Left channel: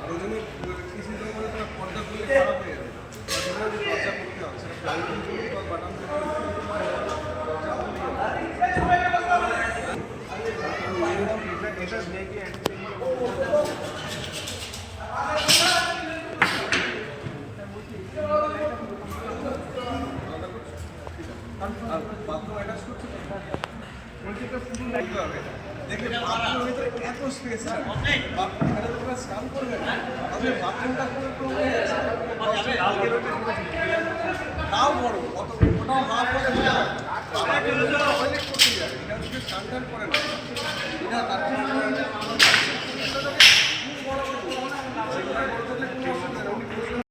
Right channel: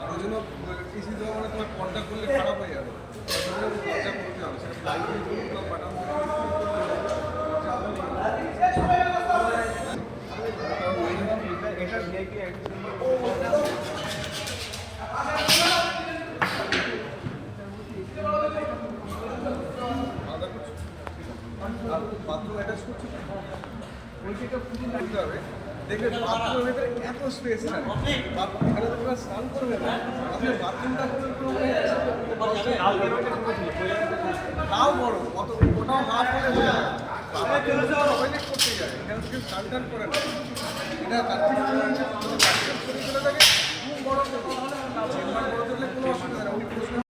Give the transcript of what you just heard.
আর ওই জন্য কৃষি জমানে তোমার পর্দা করলে খারাপ হয়ে যাবে। পর্দা করতে হবে? বাথরুম অ্যাটাচ করছ ওইটা পুরো লাগতে হবে দেখবে এত স্পেস বাথ- এখানে তো তোমরা স্নান করবে না বাথরুমটা করে তাও বড় কত ওটাও হাফ হলে হয়ে যায় বাবা করতে যায় থেকে স্নান করে না। তুমি কোনো কাজ থাকে বড় করতে বড় থাকলে কোনো অসুবিধা নেই। উনি